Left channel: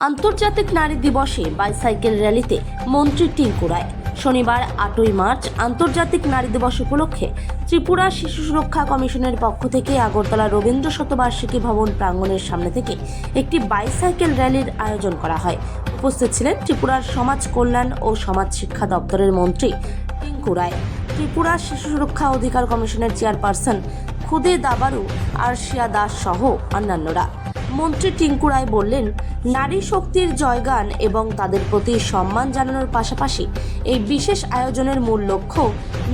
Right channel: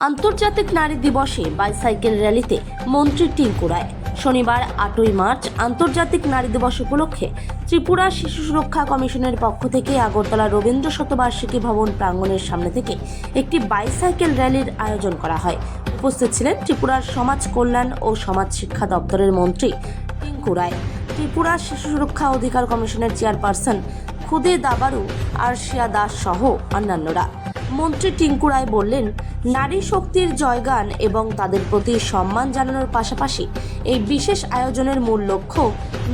আন্তর্জাতিক নারী দিবসে বাইসাইকেল র্যালিতে মন্ত্রী টিঙ্কু রায়। শনিবার 8ই মার্চ আন্তর্জাতিক নারী দিবস উপলক্ষে ত্রিপুরা শিশু সুরক্ষা কমিশনের পক্ষ থেকে আগরতলা রবীন্দ্র শতবার্ষিকী ভবন প্রাঙ্গণের সামনে থেকে একটি বাইসাইকেল র্যালির আয়োজন করা হয়। উপস্থিত ছিলেন ত্রিপুরার সমাজ কল্যাণ ও সমাজ শিক্ষা দপ্তরের মন্ত্রী টিঙ্কু রায়, ত্রিপুরা শিশু সুরক্ষা অধিকার কমিশনের চেয়ারপারসন খুদে দাবারু আরশিয়া দাস সহ অন্যান্যরা। মন্ত্রী টিঙ্কু রায় বললেন, নারী শক্তির জয়গান এবং তাদের প্রতি সম্মান জানানোর পাশাপাশি এই বিশেষ আয়োজনের মূল লক্ষ্য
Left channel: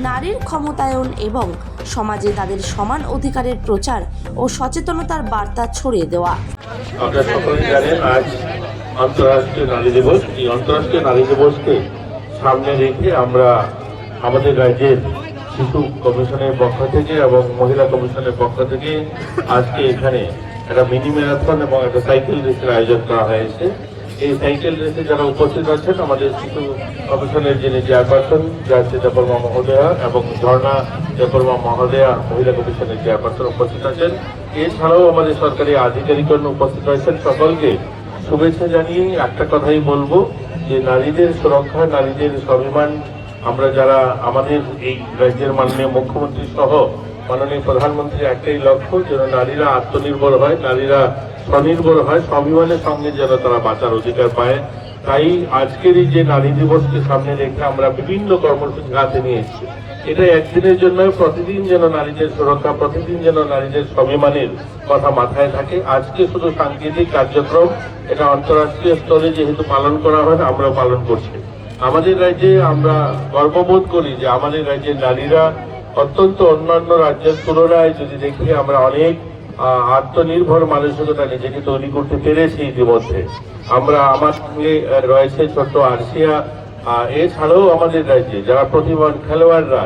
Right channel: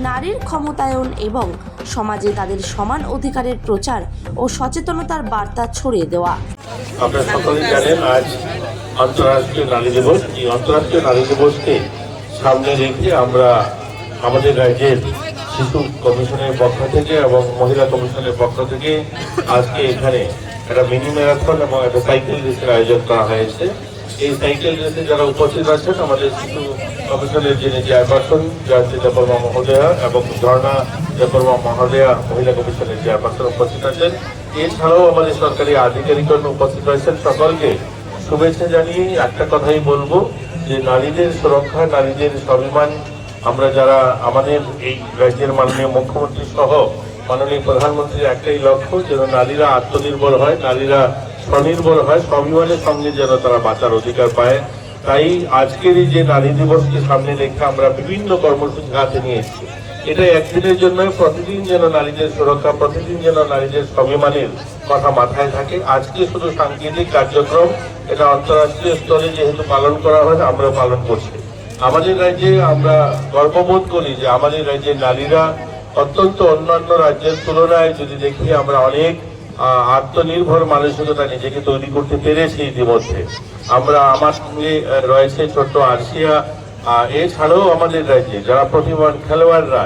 নারীর ক্ষমতায়ন এবং সমাজে তাদের সমান অধিকারের প্রচার ও সচেতনতার বার্তা ছড়িয়ে দেওয়া। আপনারা সকলেই জানেন আজ আন্তর্জাতিক নারী দিবস। এই আন্তর্জাতিক নারী দিবসকে সামনে রেখে আমরা আমাদের রাজ্যের শিশু কমিশনের পক্ষ থেকে এবং মহিলা কমিশনের পক্ষ থেকে আজকে এখানে একটা মিনি ম্যারাথন এবং একটা সাইকেল রেসের আয়োজন করা হয়েছে। এই সাইকেল রেসে যারা উপস্থিত আছেন আমাদের শিশু কমিশনের যিনি চেয়ারপারসন জয়ন্তী দেববর্মা মহোদয়া এবং ঝর্ণা দেববর্মা মহোদয়া মহিলা কমিশনের চেয়ারপারসন উপস্থিত আছেন। এছাড়াও আমাদের সরকারি আধিকারিকগণ উপস্থিত হয়েছেন। সকলকে শুভেচ্ছা জানিয়ে একটা কথাই বলবো যে নারীদের সুরক্ষা, নারীদের স্বাভিমান, আমরা যারা আমাদের এই রাজ্যের মাননীয় মুখ্যমন্ত্রী সহ মাননীয় প্রধানমন্ত্রীর একটাই লক্ষ্য যেন নারীরা আত্মনির্ভর হয়, নারীরা স্বনির্ভর হয়, স্বাভিমানের সঙ্গে যেন তারা বাঁচার অধিকার পায়। তাই আজকের এই যে নারী দিবসকে সামনে রেখে আমরা বিভিন্ন কর্মসূচি হাতে নিয়ে এসেছি। এটা একদিনের জন্য, প্রতিদিন যেন নারীদের সুরক্ষা, প্রতিদিন যেন নারীদের স্বাভিমানের কথা মাথায় থাকে। আজকে শুধু সাংকেতিক কার্যক্রম, এটা আন্তর্জাতিক স্তরে যেহেতু পালন করা হয় আমরা পালন করছি। আমাদের রাজ্যে আমরা গর্ববোধ করি যে আমাদের রাজ্যের নারীরা অত্যন্ত অন্যান্য রাজ্যের তুলনায় যদি দেখি আমরা অনেক আত্মনির্ভর মানসিকতা নিজেকে তৈরি করতে পেরেছি। ইতিমধ্যে আমার সঙ্গে রয়েছে ছোট্ট আরশিয়া, এছাড়াও আমাদের রাজ্যে যারা প্রতিভাবান খেলোয়াড়রা,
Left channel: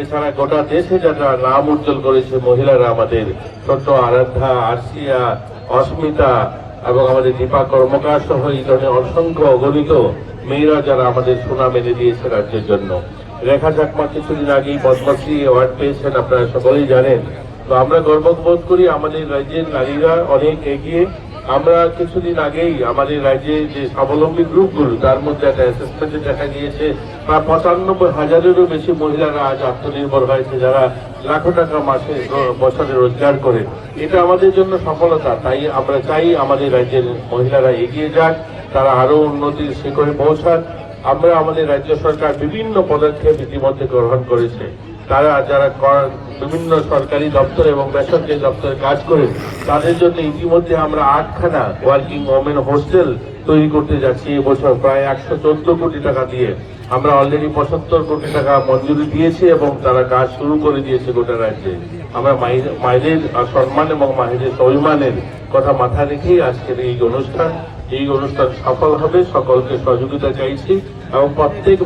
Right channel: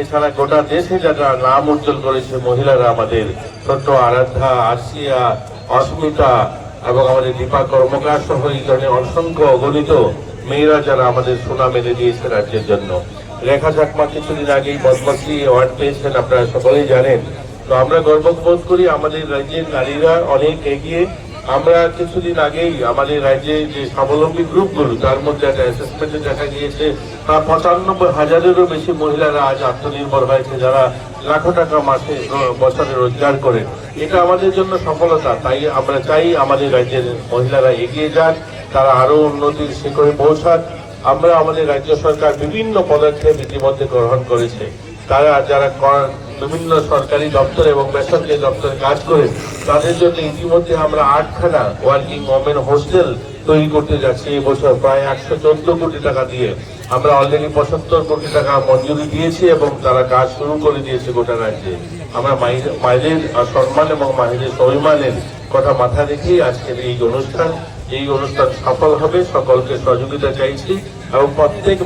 এছাড়া গোটা দেশে যারা নাম উজ্জ্বল করেছে মহিলারা, আমাদের ছোট্ট আরাধ্যা, আরশিয়া, অস্মিতা এবং আমাদের দীপা কর্মকার সহ এই ধরনের অসংখ্য অগণিত মেয়েরা যারা আমাদের সুনাম এনে দিয়েছে রাজ্যের জন্য। রেখা চাকমা কিছুদিন আগেই পদ্মশ্রী অ্যাওয়ার্ড পেয়েছেন, আপনারা সকলেই জানেন। তো আমরা গর্ববোধ করি আমাদের রাজ্যের নারীরা অনেক এগিয়ে। আমরা কিছুদিন আগেই আমাদের রাজ্যে যে স্বাবলম্বী গ্রুপগুলো, তার মধ্যে একটা অ্যাসেসমেন্টে দেখা গিয়েছে প্রায় 95,000-এরও বেশি মহিলারা আজ আত্মনির্ভর হয়েছে, যারা লাখো টাকা মাসে বছরে রোজগার করে। এটা আমাদের জন্য সফলতা। তাই আমরা চাই আমাদের রাজ্যের মহিলারা এগিয়ে যাক, তারা আরো উন্নতির শিখরে পৌঁছাক। আমরা আমাদের রাজ্য সরকার বিভিন্ন পদক্ষেপ ইতিমধ্যে গ্রহণ করেছে। তারা যারা বিভিন্ন সরকারি দপ্তর এবং বেসরকারি দপ্তরে কাজ করে তাদের জন্য ইতিমধ্যে আমরা 8খানা ওয়ার্কিং ওমেন হোস্টেল তৈরি করতে যাচ্ছি। এবছর প্রায় 114 কোটি টাকা দিয়ে আমরা অলরেডি 75 কোটি টাকা মঞ্জুরি দিয়েছি এবং তারা কাজ শুরু করে দিয়েছে গোটা রাজ্যে। আমরা মায়েদের সম্মান এবং মায়েদের স্বাভিমানের কথা মাথায় রেখে আজকের এই অনুষ্ঠান সফল হবে। সকলকে সহযোগিতা চাইছি এবং প্রত্যেক